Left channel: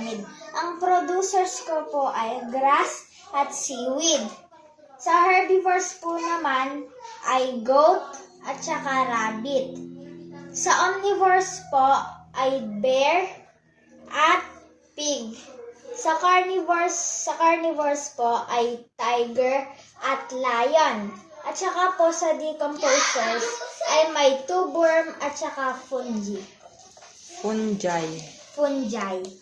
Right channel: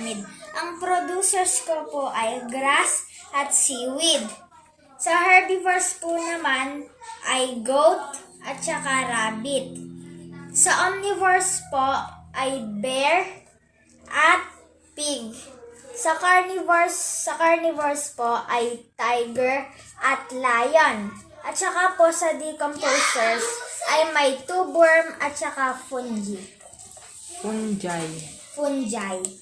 aramid. Ang producers ko po ay grass at seaweed. Sa herbivores po naman ay goat at saka rabbit. Sa omnivores po ay bear at pig. Sa carnivores po ay tiger at lion. At saka po sa decomposers ay may tubworm at saka fungi. Fungi. Fungi.